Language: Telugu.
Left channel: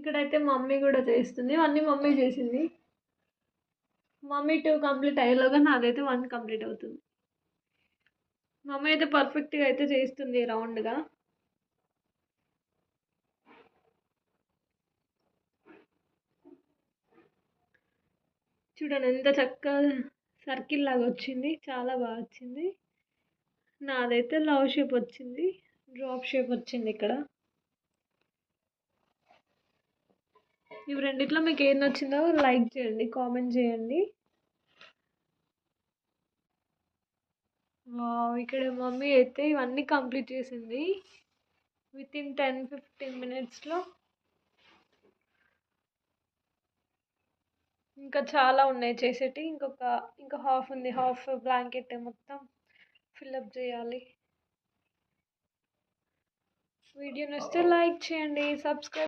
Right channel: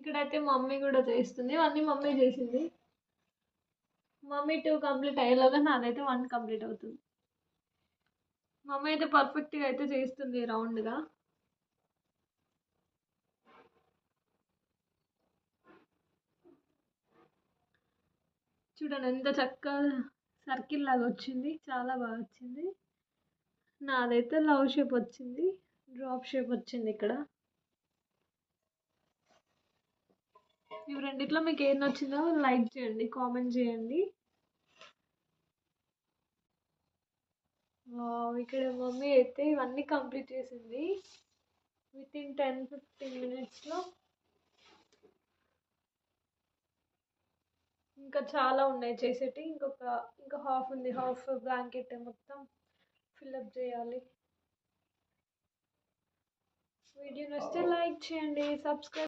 ఇక్కడైతే మమ్మీ కూడా చేస్తుంది, అన్నీ మమ్మీ చేసింది. మమ్మీ 2 కంప్లీట్ అయ్యేలోగా నాదైతే 1 కంప్లీట్ అవుతుంది. మమ్మీ అయితే పర్ఫెక్ట్గా అయితే చేస్తుంది రౌండ్గా. చూడండి ఎంత చక్కగా సర్కిల్ లాగా వచ్చింది, చాలా బాగా వచ్చింది. నాదైతే లవ్ షేప్ వచ్చింది, డ్రాప్ షేప్ వచ్చింది ఇక్కడ. ఇవి రెండిట్లో మీకు ఏది నచ్చిందో లైక్ చేయండి, కామెంట్ చేయండి. ఇక్కడ మమ్మీ అయితే ఇవన్నీ కంప్లీట్ చేసింది వితిన్ 10-15 మినిట్స్లో. ఇంకా చాలా ఉన్నాయి చేసేటి, ఇంకా హాఫ్ ఉంది, హాఫ్ బ్లాంకెట్ మొత్తం ఫిల్అప్ చేయాలి. వీడియో నచ్చితే లైక్ చేయండి, సబ్స్క్రైబ్